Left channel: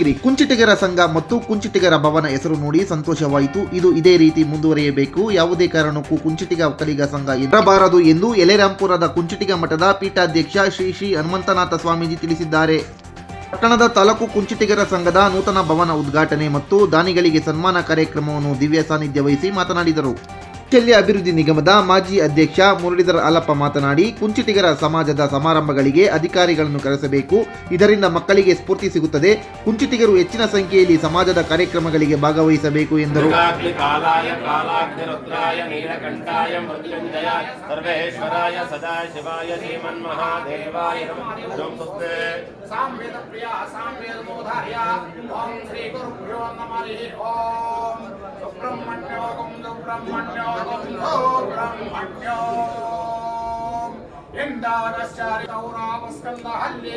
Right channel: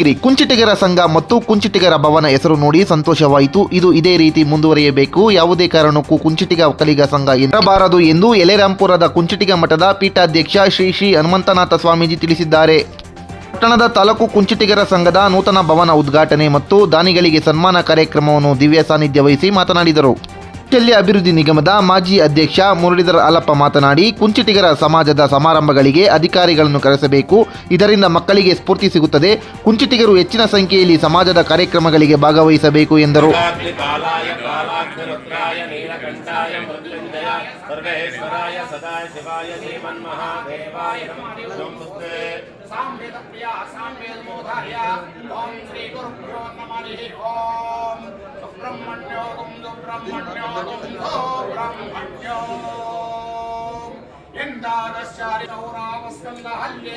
ಗಿರಿ ಕುಂಚಿಟಿಗರ ಸಂಘ ಮತ್ತು ಕುಂಚಿಟಿಗರ ಭವನ ಹೆಸರು ನೋಡಿ ಸಂತೋಷವಾಯಿತು. ಇದು ಇದೇ ರೀತಿ ಮುಂದುವರಿಯಬೇಕು. ಯಾವುದೇ ಕಾರಣಕ್ಕೂ ಕುಂಚಿಟಿಗ ಒಕ್ಕಲಿಗ ಸಂಘ ಇರಬಾರದು ಎಂದು ಎಲೆರಾಂಪುರದ ಕುಂಚಿಟಿಗ ಮಠದ ಪೀಠಾಧ್ಯಕ್ಷ ಶ್ರೀ ಶ್ರೀ ಹನುಮಂತನಾಥ ಸ್ವಾಮೀಜಿ ತಿಳಿಸಿದ್ದಾರೆ. ಪಟ್ಟಣದ ತಾಲೂಕು ಕುಂಚಿಟಿಗರ ಸಂಘದ ನೂತನ ಭವನ ಉದ್ಘಾಟನೆ ಮತ್ತು ದಾನಿಗಳಿಗೆ ಸನ್ಮಾನ ಕಾರ್ಯಕ್ರಮವನ್ನು ದಿವ್ಯ ಸಾನ್ನಿಧ್ಯ ವಹಿಸಿ ಮಾತನಾಡಿದರು. ಕೌಶಲ್ಯ ಅಭಿವೃದ್ಧಿ ನಿಗಮದ ಮಾಜಿ ಅಧ್ಯಕ್ಷ ಮುರಳೀಧರ ಆಲಪ್ಪ ಮಾತನಾಡಿ ಕುಂಚಿಟಿಗರ ಸಮಾಜದ ಸಮಾರಂಭಗಳಿಗೆ ಅಧಿಕಾರಿಗಳನ್ನು ಕರೆಸಬೇಕು. ಇದರಿಂದ ಮಕ್ಕಳಿಗೆ ಸ್ಫೂರ್ತಿ ಸಿಗುತ್ತದೆ. ಕುಂಚಿಟಿಗರು ಹೆಚ್ಚಿನ ಸಂಖ್ಯೆಯಲ್ಲಿ ಸಮಾಜದ ಕಾರ್ಯಕ್ರಮಗಳಿಗೆ ಭಾಗವಹಿಸಬೇಕು ಎಂದರು. బ్రహ్మణ్యోగం బ్రహ్మణ్యోగం బ్రహ్మణ్యోగం ఇందార శారి కౌరావస్కల్ల హల్లి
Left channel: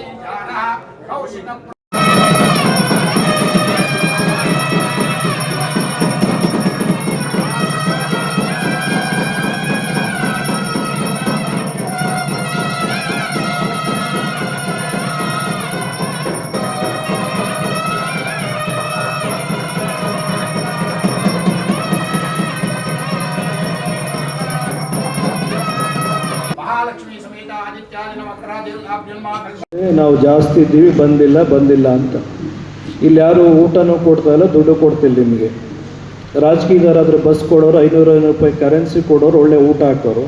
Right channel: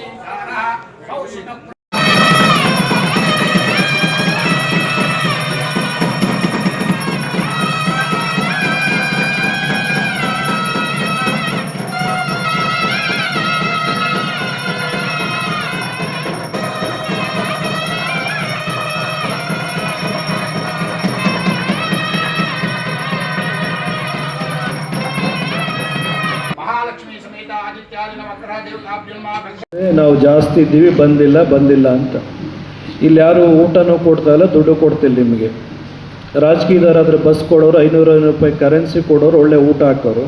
కౌశిక ಇದ್ದೀವಿ ಬಂದಿಲ್ಲ ಬಂದಿಲ್ಲ ಅಂತ. ಇಲ್ಲಿ ಯಾರು ಊಟನೂ ಕೊಡ್ತಾ ಇಲ್ಲ, ದುಡ್ಡು ಕೊಡ್ತಿಲ್ಲ ನಿಮಗೆ. ರಾಜಕೀಯದಾರಾದರೂ ಬಸ್ ಕೊಡೋರು, ಐನೂರು ಐನೂರು ರೂಪಾಯಿ ಕರೆನ್ಸಿ ಕೊಡೋರು, ಒಳ್ಳೆ ಊಟ ಹಾಕೋರು.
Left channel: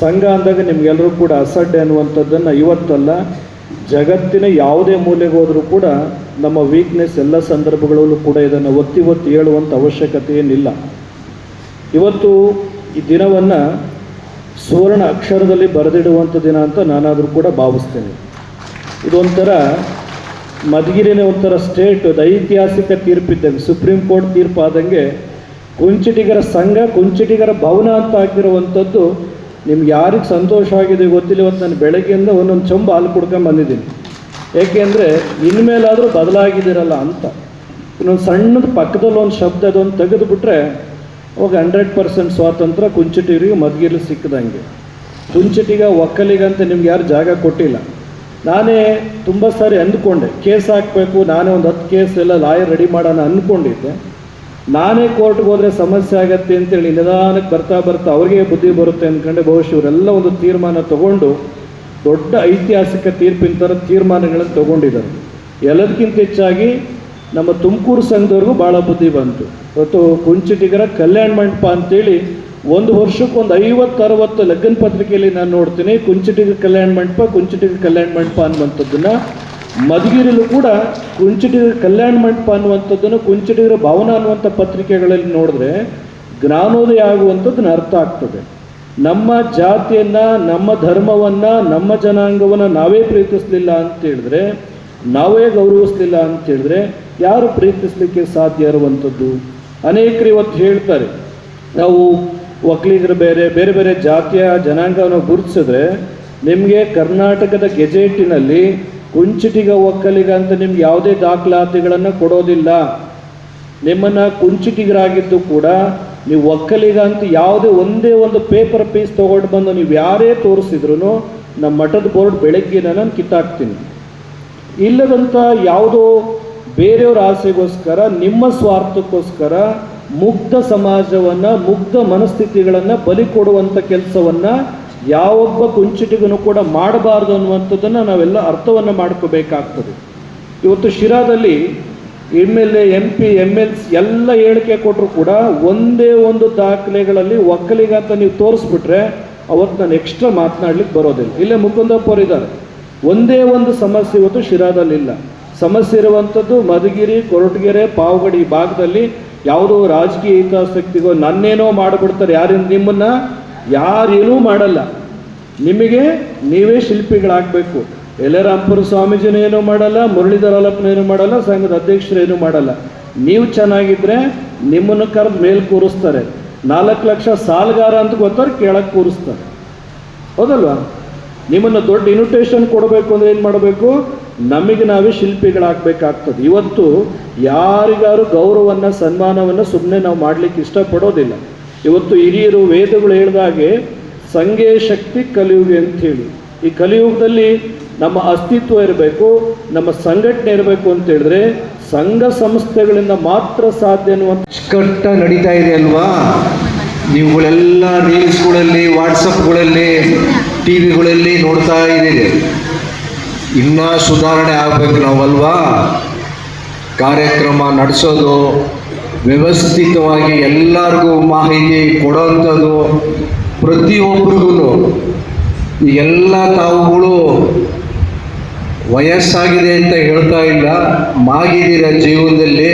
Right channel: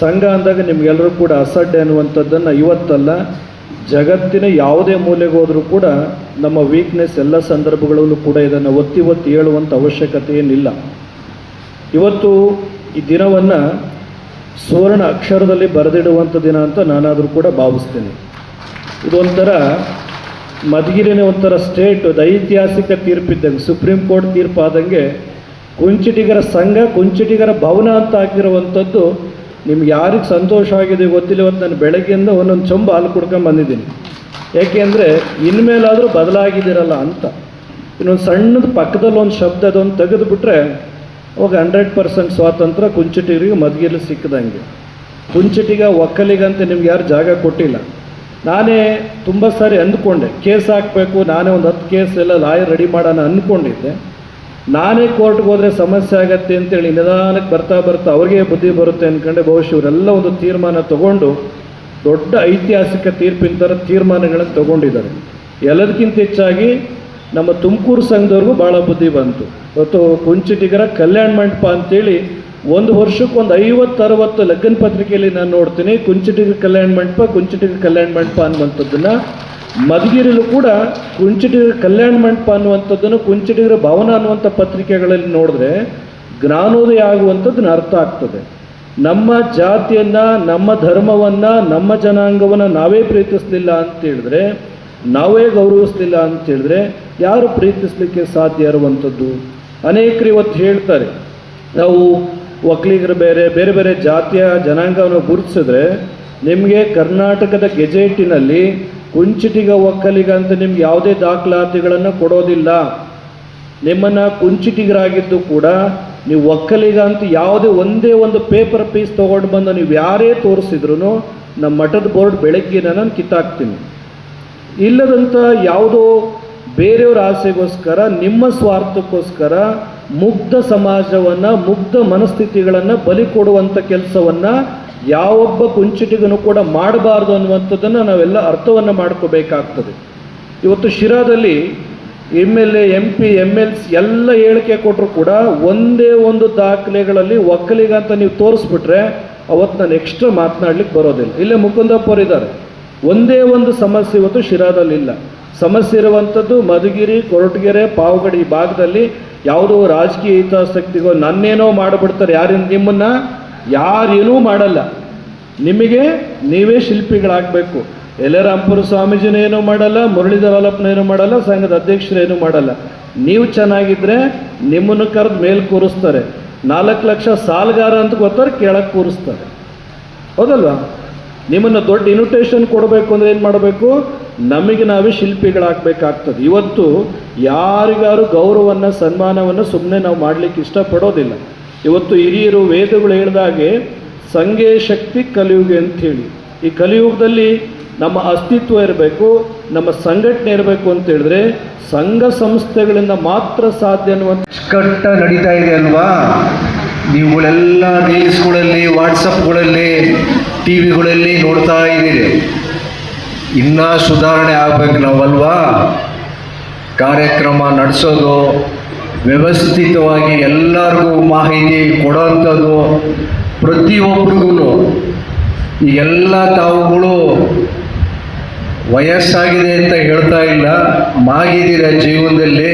ಸಂಘ ಅಂದಾಗ ನಿಮ್ಗೆಲ್ಲರೂ ಕೂಡ ಅಸಡ್ಡೆ ಅನ್ನುವಂಥದ್ದನ್ನು ಇವತ್ತಲ್ಲ, ಜಗತ್ತಿನ ಯಾವುದೇ ಮೂಲೆಗೆ ಹೋದರೂ ಕೂಡ ನಮ್ಮ ವೀಕ್ನೆಸ್ ಎಲ್ಲ ಸಂದರ್ಭಗಳಲ್ಲೂ ಕೂಡ ಇದನ್ನು ಒತ್ತಿ ಒತ್ತಿ ಹೇಳುವಂಥ ಅವಶ್ಯಕತೆ ಏನಿಲ್ಲ. ಇವತ್ತು ಈ ದಿನವನ್ನು ಸುವರ್ಣ ಅಕ್ಷರದಲ್ಲಿ ಬರೆದಿಡುವಂಥ ದಿನ ಅಂತ ನಾನಾದರೂ ಕೂಡ ಭಾವಿಸ್ತೇನೆ. ಇದೊಂಥರ ಮಧುಗಿರಿನೇ ಒಂಥರ ಸ್ಟೇಟ್ ಅದು ಐತಿಹಾಸಿಕ ತೀರ್ಪಿದ್ದಂಗೆ, ಸುಪ್ರೀಂ ಕೋರ್ಟ್ ತೀರ್ಪಾದಂಗೆ ಕುಂಚಿಟಿಗರ ಸಂಘ, ಕುಂಚಿಟಿಗರ ಭವನ ಅಂತ ಹಾಕಿರುವಂಥದ್ದು ನಿಮ್ಗೆ ಯಾರಿಗೆ ಸಂತೋಷ ಆಗಿದೆ ಗೊತ್ತಿಲ್ಲ, ಇವತ್ತು ನಾನು ಬೆಳಗ್ಗೆಯಿಂದ ಒಂದೊಂದು ಚೊಂಬ ಹಾಲು ಕುಡ್ಕೊಂಡು ಬಂದಿದ್ದೀನಿ. ಏಕೆಂದರೆ ಇನ್ಮೇಲಾದರೂ ಬದಲಾಗಿದ್ದೀರಲ್ಲ ಅಂತ. ಇನ್ನೊಂದು ಸಣ್ಣದ ಪಕ್ಕದಲ್ಲಿ ಒಂದು ಶಬ್ದ ಅದೊಂದು ತೆಗೆದುಬಿಟ್ರೆ, ಅವಾಗ ಹಂಡ್ರೆಡ್ ಪರ್ಸೆಂಟ್ ಸ್ವಾತಂತ್ರ್ಯ ಕುಂಚಿಟಿಗರಿಗೆ ಮದ್ಗಿಲು ಸಿಕ್ಕದಂಗೆ. ಕುಂಚಿಟಿಗ ಒಕ್ಕಲಿಗಂತ ನಿಮ್ಗೆ ಯಾರು ಜಾಗ ಕೊಟ್ಟಿಲ್ಲ. ನಾನೇ ತುಂಬ ಸಾರಿ ಅಂದ್ಕೊಂಡೆ, ಕೇಸ್ ಹಾಕಬೇಕು, ನಾನೇ ಒಂದು ಹತ್ತು ಕೇಸ್ ಎಲ್ಲ ಲಾಯರ್ ರೆಡಿ ಮಾಡೋಣ ಅಂದ್ಕೊಂಡಿದ್ದೆ. ನಾನೇ ಕೋರ್ಟ್ಗೆ ಹೋದರೆ ಸಮಸ್ಯೆ ಆಗತ್ತೆ ಅಂತೇಳಿ ನಿಧಾನಕ್ಕೆ ಬರ್ತಾ ಬರ್ತಾ ಅವ್ರಿಗೆ ಬುದ್ಧಿ ಬರುತ್ತೆ ಅಂದ್ಕೊಂಡೆ ಬಹುಶಃ ಇವರೆಲ್ಲ ಒಂದು ತೀರ್ಮಾನ ತಗೊಂಡು, ದೊಡ್ಡ ಐತಿಹಾಸಿಕ ತೀರ್ಪಿನ ಥರ ತೀರ್ಮಾನಗಳನ್ನು ತಗೊಂಡಿದ್ದಾರೆ. ಎಲ್ಲದಕ್ಕಿಂತ ಹೆಚ್ಚಾಗಿ ನಮ್ಮ ತುಮಕೂರು ಸಂಘದವ್ರಿಗೂ ಭಾಳ ಬುದ್ಧಿ ಬಂತು. ಇವತ್ತು ಕುಂಚಿಟಿಗರ ಕಲ್ಯಾಣ ಮಂಟಪ ಅಂತೇಳಿ ಒಂದು ವರ್ಷಕ್ಕೆ ಒಂದು ಐವತ್ತು, ಅರವತ್ತು ಲಗ್ನ ಪತ್ರಿಕೆಯಲ್ಲಿ ನಾನು ನೋಡ್ತೀನಿ. ಕುಂಚಿಟಿಗ ಕಲ್ಯಾಣ ಮಂಟಪ, ಕುಂಚಿಟಿಗ ಕಲ್ಯಾಣ ಮಂಟಪ ಅನ್ನುವಂಥದ್ದನ್ನು. ಮಧುಗಿರಿಲೂ ಕೂಡ ಕುಂಚಿಟಿಗರ ಕಲ್ಯಾಣ ಮಂಟಪ ಅನ್ನುವಂಥದ್ದನ್ನು ಕುಂಚಿಟಿಗರ ಭವನ ಅನ್ನುವಂಥ ಪತ್ರಿಕೆಗಳಲ್ಲಿ ನೋಡಿದ್ರೆ ಜ್ಞಾನೋದಯ ಆಗುವಂಥದ್ದನ್ನ ಅರ್ಥ ಆಗ್ತದೆ. ನಮ್ಮ ಜಾತಿಯನ್ನು, ನಮ್ಮ ಧರ್ಮವನ್ನು, ನಮ್ಮ ಜನಾಂಗವನ್ನು ನಾವೇ ಪ್ರೀತಿಸಲಿಲ್ಲ ಅಂತ ಹೇಳಿದ್ರೆ, ನಾವೇ ಗೌರವಿಸಲಿಲ್ಲ ಅಂತ ಹೇಳಿದ್ರೆ ಯಾರು ಪ್ರೀತಿಸಲಿಕ್ಕೆ ಸಾಧ್ಯ ಇರುವಂಥದ್ದು? ಅನೇಕರು ಇವತ್ತು ಹೇಳ್ತಾರೆ, ನಾವು ಒಕ್ಕಲಿಗರು ಬೇರೆ ಬೇರೆ ಬೇರೆ ಜಾತಿಯ ಜನಾಂಗವನ್ನು ಗುರುತಿಸಿದ್ರೆ ನಿಮಗೆ ಕರ್ನಾಟಕದ ಗೆಜೆಟಿನಲ್ಲಿ ಕುಂಚಿಟಿಗ ಒಕ್ಕಲಿಗ ಅಂತ ನಿಮ್ಗೆ ಯಾವುದೇ ದಾಖಲಾತಿಗಳನ್ನು ಕೊಡೋದಿಲ್ಲ. ನಿಮ್ಮನ್ನು ಕುಂಚಿಟಿಗರಾಗಿದ್ದು ಕೂಡ ನೀವು ಒಕ್ಕಲಿಗ ಅಂತ ಯಾವುದೇ ಒಂದೇ ಒಂದು ಪೇಪರ್ ಪೀಸ್ ತೊಗೊಂಡು ಬಂದು ನೀವು ಯಾರೇ ತೋರಿಸಿದ್ರು ನಮ್ಮ ಮಠದ ಬೋರ್ಡ್ ಬೆಳಗ್ಗೆ ನಾನು ಕಿತ್ತಾಕ್ತೀನಿ. ಇಲ್ಲದಂಥ ಯಾವುದೋ ಬೇರೆಯವರ ಆಸೆಗೋಸ್ಕರ, ನಿಮ್ಮ ಸ್ವಾರ್ಥಕ್ಕೋಸ್ಕರ ಮುಗ್ಧ ಸಮಾಜವನ್ನು ಮುಗ್ಧ ಮನಸ್ಥಿತಿಗಳನ್ನು ಬಲಿ ಕೊಡುವಂಥ ಕೆಲಸವನ್ನು ಯಾವೊಬ್ಬ ಕುಂಚಿಟಿಗೂ ಕೂಡ ಮಾಡಬಾರ್ದು ಅನ್ನುವಂಥದ್ದನ್ನು ನಾವೆಲ್ಲ ಅರ್ಥವನ್ನು ಮಾಡ್ಕೋಬೇಕಾಗ್ತದೆ. ಇವತ್ತು ಶಿರಾದಲ್ಲಿ M L A M P M else ಎಲ್ಲ ಹೇಳಿಕೆ ಕೊಟ್ಟರು ಕೂಡ ಒಂದೇ ಒಂದು ದಾಖಲೆಗಳಲ್ಲಿ ಒಕ್ಕಲಿಗ ಅಂತ ನೀವು ತೋರಿಸ್ಬಿಟ್ರೆ ಅವತ್ತು ನಾನು ಎಕ್ಸ್ಟ್ರಾ ಮಾತನಾಡ್ಲಿಕ್ಕೆ ಬರೋದಿಲ್ಲ. ಇಲ್ಲೇ ಮುಕುಂದಪ್ಪ ಇದ್ದಾರೆ. ಒಂದೇ ಒಂದು ಸಮಸ್ಯೆ ಇವತ್ತು ಶಿರಾದಲ್ಲಿ ಇಲ್ಲ ಸಮಸ್ಯೆ ಇರುವಂಥದ್ದು ಮಧುಗಿರಿ, ಕೊರಟಗೆರೆ, ಪಾವಗಡಿ ಭಾಗದಲ್ಲಿ ಯಾವುದೋ ರಾಜಕೀಯ ಹಿತಾಸಕ್ತಿಗೋ ನನ್ನೇನೋ ಮಾಡಿಬಿಡ್ತಾರೆ ಯಾರಿಂದ ನಿಮ್ಮನ್ನ ಯಾರೇನೂ ಮಾಡಲ್ಲ. ನಿಮಗೆ ನೀವೇ ಶಿಲ್ಪಿಗಳಾಗಬೇಕು. ಎಲೆರಾಂಪುರ ಸ್ವಾಮೀಜಿನೇನು ಮಾಡಲ್ಲ, ಮುರಳೀಧರ ಏನು ಮಾಡಲ್ಲ, ಸಂಘದ ಅಧ್ಯಕ್ಷರೇನು ಮಾಡಲ್ಲ. ನೀವು ಚೆನ್ನಾಗಿದ್ರೆ ನಿಮ್ಮನ್ನು ಕರೆದು ಮೇಲೆ ಕೂರಿಸ್ತಾರೆ. ನಾಲ್ಕು ಲಕ್ಷ ಸಾಲಗಾರ ಅಂತ ಗೊತ್ತವ್ರು ಕೇಳಕ್ಕೆ ಕೂರಿಸ್ತಾರೆ. ಹೌದಲ್ವಾ? ನಿಮ್ಮನ್ನು ದೊಡ್ಡ ಇನ್ವಿಟೇಷನ್ ಕೊಡಬೇಕು ಅಂದರೆ ಏನು ಮಾಡಬೇಕು? ನಮಗೆ ನಾವೇ ಶಿಲ್ಪಿಗಳಾಗಬೇಕಾಗ್ತದೆ. ಇವತ್ತು ಯಾರಿಗಾರು ಗೌರವವನ್ನು, ಸನ್ಮಾನವನ್ನು ಸುಮ್ಮನೆ ನಾವು ಮಾಡಲಿಕ್ಕೆ ಇಷ್ಟಪಡೋದಿಲ್ಲ. ಇವತ್ತು ಹಿರಿಯರು ವೇದಗಳು ಹೇಳಿದಾಗೆ ಸಂಘೇ ಶಕ್ತಿ ಕಲಿಯುಗೆ ಅಂಥೇಳಿ. ಈ ಕಲಿಯುಗದಲ್ಲಿ ನಮ್ಮ ಅಸ್ತಿತ್ವ ಇರಬೇಕು, ನಮ್ಮ ಸಂಘಟನೆ ಇರಬೇಕು ಅಂತ ಹೇಳಿದ್ರೆ ಸಂಘ ಸಂಸ್ಥೆಗಳಿಂದ ಮಾತ್ರ ಸಾಧ್ಯ ಅನ್ನುವಂಥ ನಡೀತಾ ಇದೆ ಅಲ್ವಾ? ನೀವುಗಳೆಲ್ಲ ರೀಲ್ಸ್ಗಳಲ್ಲಿ ವಾಟ್ಸಪ್ಗಳಲ್ಲಿ ಟಿವಿಗಳಲ್ಲಿ ನೋಡ್ತಾ ಇದ್ದೀರಿ. ಇನ್ನೂ ಸುಧಾರಣೆ ಆಗ್ಬೇಕು ನಾವಲ್ವಾ? ಕಾರ್ಯಕ್ರಮ ನಡೆಸೋದು, ವ್ಯವಸ್ಥಿತವಾಗಿ ಎಲ್ಲರಿಗೂ ಮಾಹಿತಿ ಕೊಡೋವಂಥದ್ದು ಪ್ರತಿಯೊಬ್ಬರಿಗೂ ಈಗೆಲ್ಲ ತಾವುಗಳು ವಯಸ್ಸಾಗಿದೆ ಅಂತ ಹೇಳ್ತಾ ಇಲ್ಲ, ಮಾಗಿದ್ದೀರ ಜೀವನದಲ್ಲಿ.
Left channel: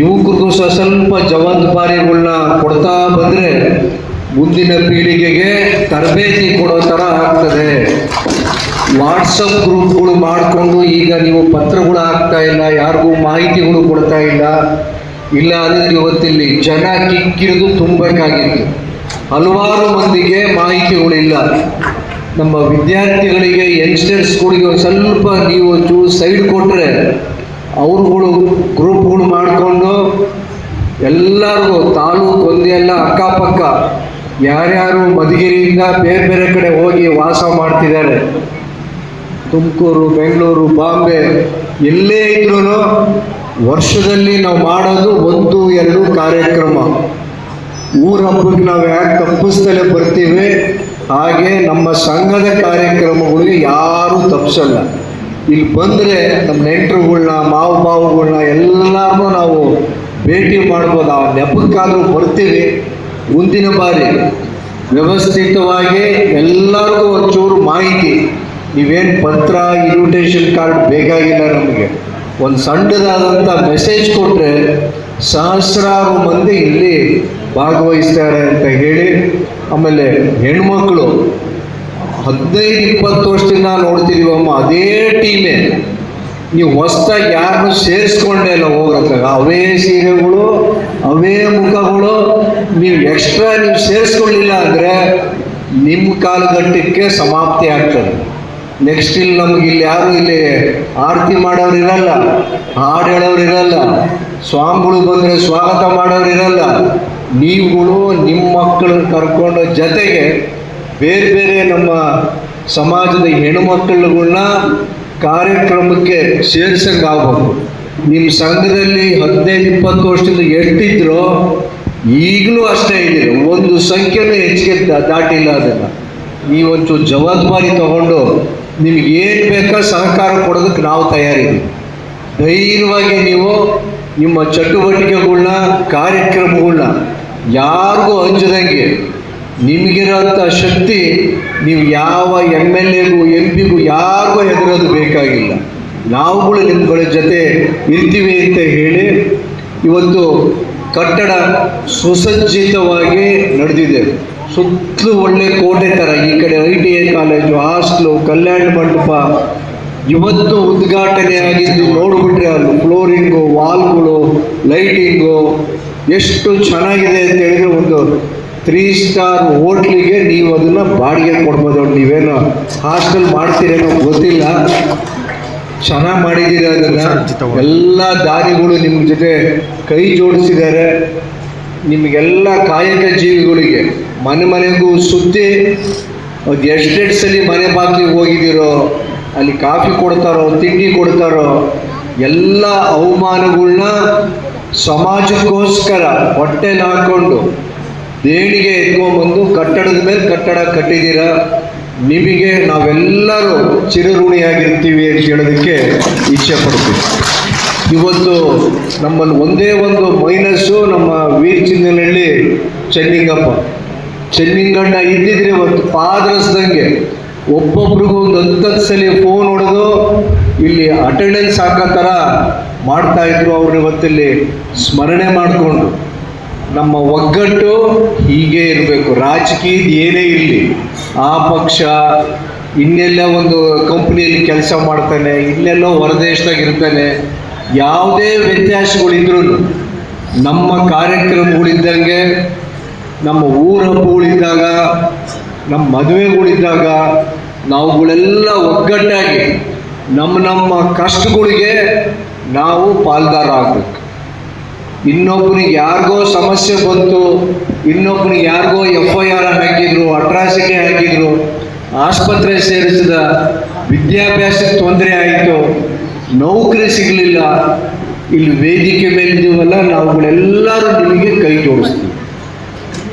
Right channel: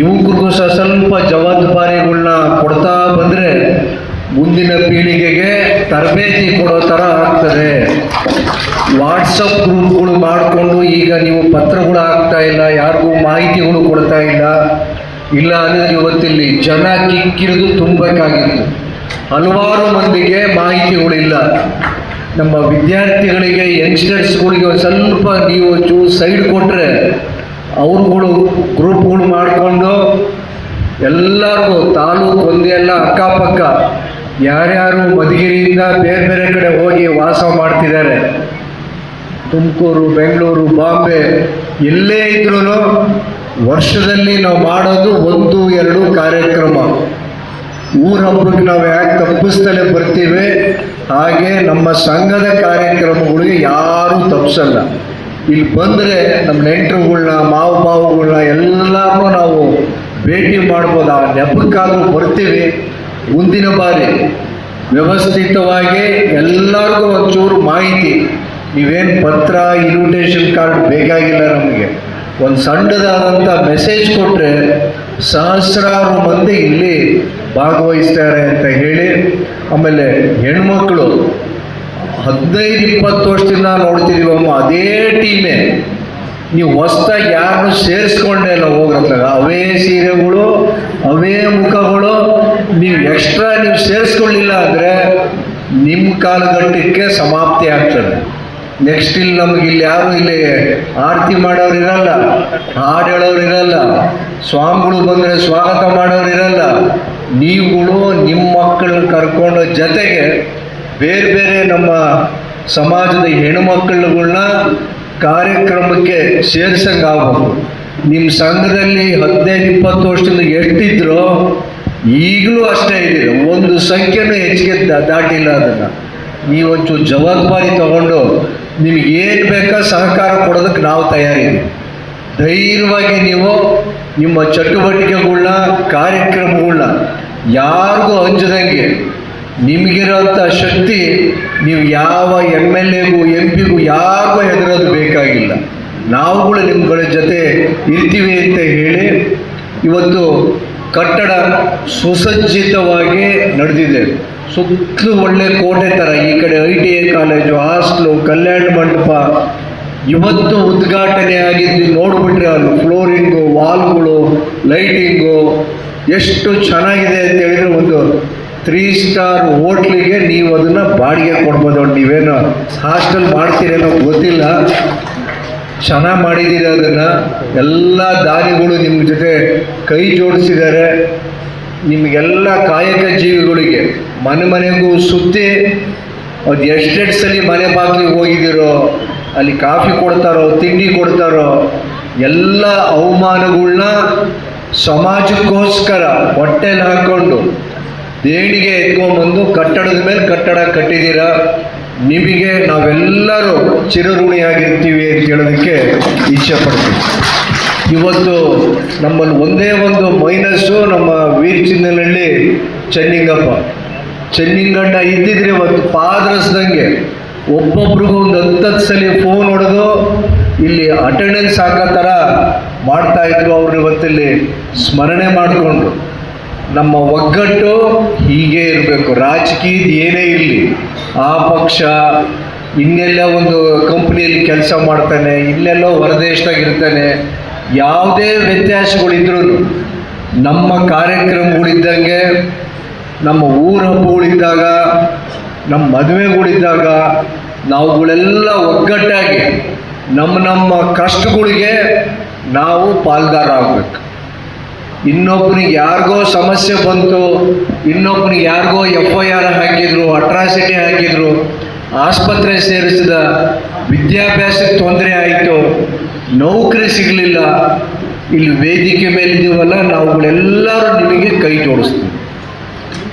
ಯುವಕರಿಗೂ ಸಹ ಸ್ವಲ್ಪ ಜವಾಬ್ದಾರಿಗಳನ್ನ ಕೊಡ್ತಾ ಬಂದರೆ ಮುಂದಿನ ಪೀಳಿಗೆಗೆ ತರಬೇತಿ ಕೊಡೋ ಥರ ಆಗ್ತದೆ. ವಾಟ್ಸಪ್ ಗ್ರೂಪ್ಗಳು ಮಾಡಿಕೊಂಡು ಈಗ ನೀವು ಪತ್ರಗಳು ಆಗ್ತಾ ಇಲ್ಲ, ಯಾರಿಗೂ ಮಾಹಿತಿಗಳು ಕೊಡ್ತಾ ಇಲ್ಲ. ಇಲ್ಲ ಅಂದರೆ ಇವತ್ತಿಲ್ಲಿ ಜನ ಕಿಕ್ಕಿರಿದು ತುಂಬಬೇಕಾಗಿತ್ತು. ಹಲವಾರು ಮಂದಿಗೆ ಮಾಹಿತಿಗಳಿಲ್ಲ. ನಮ್ಮ ವಿದ್ಯಾರ್ಥಿಗಳಿಗೆ ಯಂಗ್ಸ್ಟರ್ಸ್ಗಳಿಗೆ ಒಂದು ಸ್ವಲ್ಪ ನೀವು ಚೂ ಸೈಡ್ ಕೊಟ್ಟರೆ ಅವ್ರುಗಳು ಗ್ರೂಪ್ಗಳು ಮಾಡಿಕೊಂಡು ಎಲ್ಲರೂ ತಾಲೂಕು ಒಂದೇ ಎಲ್ಲ ಅಕ್ಕಪಕ್ಕ, ಯಾರ್ಯಾರು ಮಧುಗಿರಿಯಿಂದ ಬೇರೆ ಬೇರೆ ಕಡೆ ಹೋಗಿ ವಾಸ ಮಾಡ್ತಿದ್ದಾರೆ. ತುಮಕೂರು, ಬೆಂಗಳೂರು, ಬಾಂಬೆ, ಎಲ್ಲೇ ಇದ್ರೂ ವರ್ಷದಲ್ಲಿ ನಾವು ಮಾಡೋದು ಒಂದು, ಎರಡು ಕಾರ್ಯಕ್ರಮ. ಊರ ಹಬ್ಬಕ್ಕೆ ನಾವು ಯಾಕೆ ತಪ್ಪಿಸ್ತಲೇ ಬರ್ತೀವಿ? ಹಾಗೆ ನಮ್ಮ ಸಂಘದ ಕಾರ್ಯಕ್ರಮಗಳಿಗೆ ಯಾರೂ ತಪ್ಪಿಸಲ್ಲ ಇಲ್ಲಿ ಬಂದರೆ ನಮ್ಮ ನೆಂಟರುಗಳನ್ನ ಮಾವು ಮಾವುಗಳನ್ನ ಎಲ್ಲರನ್ನೂ ನಾವು ಭೇಟಿ ಮಾಡ್ಬೋದು. ಆ ನೆಪಕ್ಕಾದ್ರೂ ಬರ್ತೀವಿ. ಮುಂದಿನ ಬಾರಿ ವ್ಯವಸ್ಥಿತವಾಗಿ ಎಲ್ಲರಿಗೂ ಒಂಚೂರು ಮಾಹಿತಿ. ನೀವೇನು ಪತ್ರ ಇನ್ವಿಟೇಷನ್ ಕಾರ್ಡ್ ಬೇಕಾಗಿಲ್ಲ ನಮಗೆ. ಒಂದು ಸಣ್ಣದಾದಂಥ ಮೆಸೇಜ್ ಕೊಟ್ಟರೆ ಸಹಸ್ರಾರು ಮಂದಿ ಇಲ್ಲಿ ಭಾಗವಹಿಸ್ತಾರೆ ಅಂತ ಹೇಳಿ, ಆಮೇಲೆ ಹೆಣ್ಮಕ್ಳು ಹದಿನೈದು, ಇಪ್ಪತ್ತು ವರ್ಷದಿಂದ ನೋಡ್ತಿದೀವಮ್ಮ, ಅದೇ ಟೀಮೇ. ನೀವು ಹೊಸ್ದಾಗಿ ಯಾರನ್ನು ಸೇರಿಸ್ಕೊಂಡೇ ಇಲ್ಲ ಹೋಗ್ರತ್ರ ಅವೇ ಸೀರೆಗಳು, ಅವೇ ಮುಖಗಳು, ನೀವು ಎಕ್ಸ್ಟ್ರಾ ನೀವು ಸೇರಿಸ್ಕೊಳ್ಳಿಲ್ಲ ಅಂದರೆ ನಿಮ್ಮ ಕಾಲಘಟ್ಟಕ್ಕೆ ಸಮಾಪ್ತಿ ಆಗ್ತದೆ. ನೆಕ್ಸ್ಟ್ ಇಲ್ಲಿ ನಮಗೆ ಇಲ್ಲಿ ಯಾರು ಇಲ್ಲಿ ಆರತಿ ಮಾಡೋರು ಇರಲ್ಲ ಹಾಡು ಹೇಳೋರು ಇರಲ್ಲ ಸ್ವಾಮಿಗಳು ಬಂದರೆ ಸ್ವಾಗತ ಮಾಡೋರು ಇರಲ್ಲ ನೀವುಗಳು ನಿಮ್ಮ ಮಕ್ಕಳನ್ನ ಕರ್ಕೊಂಡು ಜೊತೆಗೆ ಬೇರೆ ಬೇರೆ ನಮ್ಮ ಸಮಾಜದ ಹೆಣ್ಣುಮಕ್ಕಳುಗಳನ್ನ ಕಾರ್ಯಕ್ರಮಕ್ಕೆ ಸೇರ್ಸಂಗೆ ನಿಮ್ಮ ಸಂಘದಲ್ಲಿ ಹದಿನೈದು, ಇಪ್ಪತ್ತು ವರ್ಷದಿಂದ ಎಷ್ಟಿದ್ರು ಈಗಲೂ ಅಷ್ಟೇ ಇದ್ದೀರ. ಒಂದು ಸಂಖ್ಯೆನೂ ಹೆಚ್ಚಿಗೆ ದಾಟಿಲ್ಲ ಅದನ್ನು. ನೀವೊಂಚೂರು ಜವಾಬ್ದಾರಿ ತಗೊಂಡು ನಿಮ್ಗೆ ಏನು ಬೇಕೋ ಸಹಕಾರ ಕೊಡೋದಕ್ಕೆ ನಾವು ತಯಾರಿದ್ದೀವಿ. ಧೈರ್ಯವಾಗಿ ನೀವು ನಿಮ್ಮ ಚಟುವಟಿಕೆಗಳನ್ನ ಕಾರ್ಯಕ್ರಮಗಳನ್ನ ಯಾರಿಗೂ ಹಂಚದಂಗೆ ನಿಮಗಿರೋಂಥ ಶಕ್ತಿ ನೀವು ಯಾವ ಎಂ ಎಲ್ ಎಗೂ, ಎಂ ಪಿಗೂ, ಯಾರಿಗೂ ಹೆದರೋದು ಬೇಕಾಗಿಲ್ಲ. ನಾವುಗಳು ನಿಮ್ಗಳ ಜೊತೆ ಇರ್ತೀವಿ ಅಂತ ಹೇಳಿ ಇವತ್ತು ಕಟ್ಟಡ ಸುಸಜ್ಜಿತವಾಗಿ ನಡೆದಿದೆ. ಸುತ್ತಲೂ ಒಳ್ಳೆ ಕೋಟೆ ಥರ ಈ ಕಡೆ I T I college, hostel, ಕಲ್ಯಾಣ ಮಂಟಪ. ಇವತ್ತು ಉದ್ಘಾಟನೆ ಆಗಿದ್ದು ನೋಡ್ಬಿಟ್ರೆ ಅಲ್ಲಿ ಫ್ಲೋರಿಂಗು, ವಾಲ್ಗಳು, ಲೈಟಿಂಗು ಎಷ್ಟು ಚೆನ್ನಾಗಿದೆ ಅಂತ ಹೇಳಿದ್ರೆ ಒಂದು ತ್ರೀ ಸ್ಟಾರ್ ಹೋಟ್ಲಿಗೆ ನೀವು ಅದನ್ನು ಬಾಡಿಗೆ ಕೊಡ್ಬೋದು. ನೀವೇನು ಹಾಸ್ಟೆಲ್ ಮಾಡ್ತೀರೇನೋ ಗೊತ್ತಿಲ್ಲ. ಚೆನ್ನಾಗಿ ಮಾಡಿದ್ದೀರ ಅದನ್ನು. ಎಲ್ಲ ದಾರಿಗಳು ನಿಮ್ಮ ಜೊತೆ ಕೈ ಜೋಡಿಸಿದ್ದಾರೆ. ನಿಮಗೆಲ್ಲ ಕಾಯಕ ಜೀವಿಗಳಿಗೆ ಮನೆ ಮನೆಗೂ ಸುತ್ತಿ ಅದು ಎಷ್ಟೆಷ್ಟು ಸಲ ಮನೆ ಬಾಗಿಲಿಗೆ ಹೋಗಿದ್ದೀರೋ, ಅಲ್ಲಿ ಕಾಫಿ ಕೊಡ್ತಾರೋ, ತಿಂಡಿ ಕೊಡ್ತಾರೋ, ಎಲ್ಲ ಅವಮಾನಗಳನ್ನ ಸಮಾಜಕ್ಕೋಸ್ಕರ ಹೊಟ್ಟೆಲಿ ಹಾಕ್ಕೊಂಡು ದೇಣಿಗೆ ಎತ್ಕೊಂಡ್ಬಂದು ಕಟ್ಟಡದ ಮೇಲೆ ಕಟ್ಟಡ ಕಟ್ಟಿದ್ದೀರ? ನಿಮಗೆ ನಾವೆಲ್ಲರೂ ಚಿರಋಣಿಯಾಗಿರ್ತೀವಿ ಅಂತ ಹೇಳೋದಕ್ಕೆ ಇಚ್ಛೆ ಪಡ್ತೀವಿ. ಇವತ್ತು ನಮ್ಮಲ್ಲಿ ಒಂದೇ ಒಂದು ಮೈನಸ್ಸು ನಮ್ಮ ವೀರ್ ಚಿನ್ನನಹಳ್ಳಿ ಚೆನ್ನಿಂಗಪ್ಪ. ಚೆನ್ನಿಂಗಣ್ಣ ಇದ್ದಿದ್ರೆ ಒಂದು ಪಾದರಸ್ದಂಗೆ ಒಬ್ಬೊಬ್ರಿಗೂ ಒಂದು ಹತ್ತತ್ತು ಸಲ ಫೋನ್ ಹೊಡೆದು ಇಲ್ಲಿ ಅಟೆಂಡೆನ್ಸ್ ಹಾಕೋ ಥರ ಮಾಡ್ತಾ ಇದ್ರು ಅವ್ರು ಇವತ್ತಿಲ್ಲಿ ಸ್ಮರಣೆ ಮಾಡಿಕೊಂಡು. ನಮ್ಮ ಒಗ್ಗಟ್ಟು ಹೀಗೆ ಇರಬೇಕು. ರಾಜಕೀಯದ ಏನೇ ಇರಲಿ, ಆ ಪಕ್ಷ ಇನ್ನೆಲ್ಲ ಒಂದು ಕಂಪ್ನಿಯಲ್ಲಿ ಕೆಲಸ ಮಾಡ್ತಾನೆ ಇಲ್ಲೆಲ್ಲೋ ಹೊರದೇಶದಾಗ ಇರ್ತಾನೆ, ಯಾವುದೇ ವ್ಯತ್ಯಾಸಗಳಿದ್ರೂ ನಮ್ಮ ಕಾರ್ಯಕ್ರಮಗಳಿದ್ದಂಗೆ ನಮ್ಮ ಊರ ಹಬ್ಬಗಳಿದ್ದಾಗ ನಮ್ಮ ಮದುವೆಗಳಿದ್ದಾಗ ನಾವುಗಳೆಲ್ಲ ಒಗ್ಗಟ್ಟಾಗಿ ನಮ್ಮ ನಮ್ಮ ಕಷ್ಟಗಳಿಗೆ ನಾವು ಪಾಲ್ದಾರ ಆಗಬೇಕು. ಇನ್ನೊಬ್ಬನಿಗೆ ಯಾರಿಗೋ ಸಮಸ್ಯೆ ಬಂತು, ಇನ್ನೊಬ್ಬನಿಗೆ ಯಾರಿಗೋ ಎಫ್ ಐ ಆರ್ ಹಾಕಿದ್ರು ಅಟ್ರಾಸಿಟಿ ಹಾಕಿದ್ರು, ಆಸ್ಪತ್ರೆ ಸೇರಿಸಿದ ವಿದ್ಯಾಭ್ಯಾಸಕ್ಕೆ ತೊಂದರೆ ಆಯಿತು, ನೌಕರಿ ಸಿಗಲಿಲ್ಲ ಇಲ್ಲಿ ವೇದಿಕೆ ಮೇಲಿದ್ದೀವಲ್ಲ ನಾವುಗಳೆಲ್ಲರೂ ನಿಮಗೆ ಕೈ ತೋರಿಸ್ತೀವಿ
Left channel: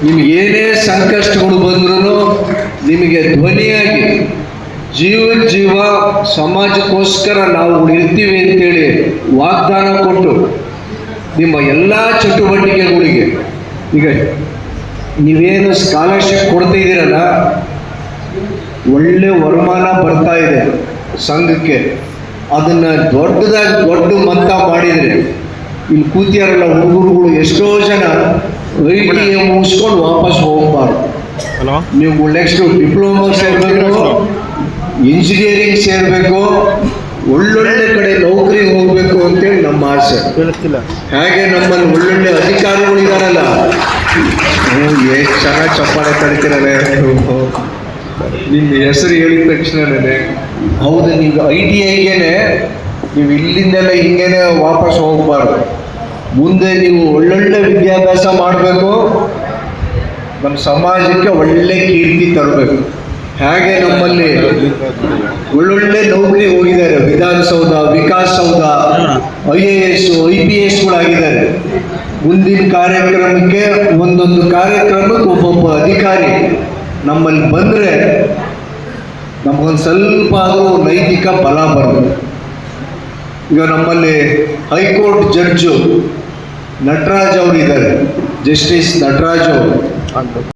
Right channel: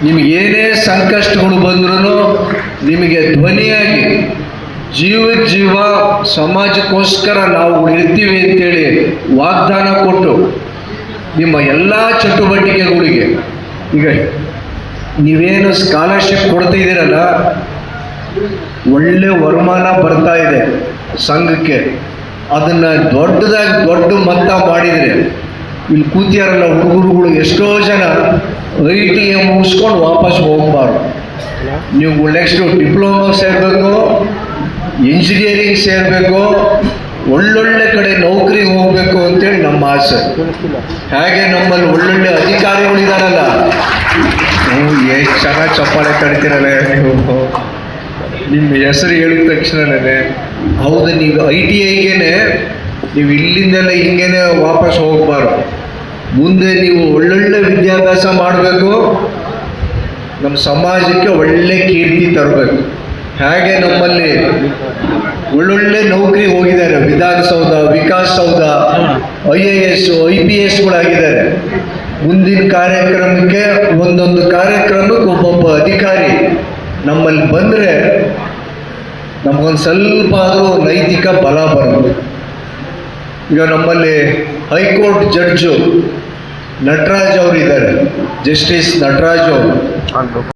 ನಿಮಗೆ ಏನೇ ಸಂಕಷ್ಟಗಳು ಬಂದ್ರೂ ನಿಮಗೆ ಧ್ವನಿಯಾಗಿ ಜೀವ ಜೀವ ಸಮಾಜಕ್ಕೋಸ್ಕರ ನಾವು ಇರ್ತೀವಿ ಅಂತೇಳಿ ವಾಗ್ದಾನ ಕೊಟ್ಟು ನಿಮ್ಮ ಎಲ್ಲ ಚಟುವಟಿಕೆಗಳಿಗೆ ಈಗ ನೀವೇನು ಸ್ಕಾಲರ್ಶಿಪ್ ಕೊಡ್ತಿದ್ದೀರಲ್ಲ ಒಳ್ಳೆ ವರಮಾನ ಬರ್ತಾ ಇದೆ ಸಂಘಕ್ಕೆ. ಅದನ್ನ ದೊಡ್ಡದಾಗಿ ದೊಡ್ಡ ಮೊತ್ತ ಮಾಡಿದರೆ ಇಲ್ಲಿ ಕೂತಿಯಾರಲ್ಲ ಹುಡುಗರುಗಳು ಎಷ್ಟೋ ಜನ ಐ ಟಿ ಎ ಮುಗಿಸ್ಕೊಂಡು ವಾಪಸ್ ಹೋಗ್ಬಾರ್ದು. ನೀವು ನೆಕ್ಸ್ಟ್ ಡಿಪ್ಲೊಮಾ ಸೇರಬೇಕು ಇಂಜಿನಿಯರಿಂಗ್ ಸೇರಬೇಕು ಒಳ್ಳೊಳ್ಳೆ ಕಡೆ ನೌಕರಿಗೆ ಹೋಗಬೇಕು ಅಂತೇಳಿ ನಮ್ಮ ಆಸೆ. ಹಾಗೆ ನಮ್ಮಲ್ಲಿ ಒಳ್ಳೊಳ್ಳೆ ಅಧಿಕಾರಿಗಳಿದಾರಲ್ಲ ನೀವು ಎಷ್ಟು ಚೆನ್ನಾಗಿ ಚಪ್ಪಾಳೆ ಕಡಿತೀರಲ್ಲ ನಿಮ್ಮ ಹೆಸರು ಹೇಳಿದ ತಕ್ಷಣನೇ. ಹೌದು ನೀವು ಐ ಟಿ ಐಗೇನೆ ನೀವು ಇಲ್ಲಿಂದಲೇ ಹಿಂಗೇನೆ ವಾಪಸ್ ಹೋಗಬಾರ್ದು. ಮುಂದೆ ನೀವು ಒಳ್ಳೊಳ್ಳೆ ವಿದ್ಯಾಭ್ಯಾಸ ಮಾಡಬೇಕು. ನಮ್ಮ ಸಮಾಜಕ್ಕೆ ಒಳ್ಳೆ ಕೀರ್ತಿ ತರಬೇಕು. ಹಾಗೆ ನಮ್ಮಲ್ಲಿ ಒಳ್ಳೊಳ್ಳೆ ನೌಕರಿ ಹೋಗಿದ್ದಾರೆ. Vidhana Soudha Vikasa Soudha I A S, I P ಎಸ್ಗಳಾಗಿದ್ದಾರೆ ಮುಂದಿನ ಕಾರ್ಯಕ್ರಮಕ್ಕೆ ಒಂದೊಂದು ಕಾರ್ಯಕ್ರಮಕ್ಕೆ ಒಬ್ಬೊಬ್ಬ ಅಧಿಕಾರಿ ನಮ್ಮಲ್ಲಿ ಬಂದರೆ ನಮಗೊಂದು ಸ್ವಲ್ಪ ಆದರೂ ನೈತಿಕ ಬಲ ಬರುತ್ತೆ ಈಗ ನಮ್ಮಲ್ಲಿ ಹೈಕೋರ್ಟ್ ಜಡ್ಜು ನಟರಾಜ್ ಅವರು ಇದ್ದಾರೆ ಜಸ್ಟಿಸ್ ನಟರಾಜ್ ಅವರು.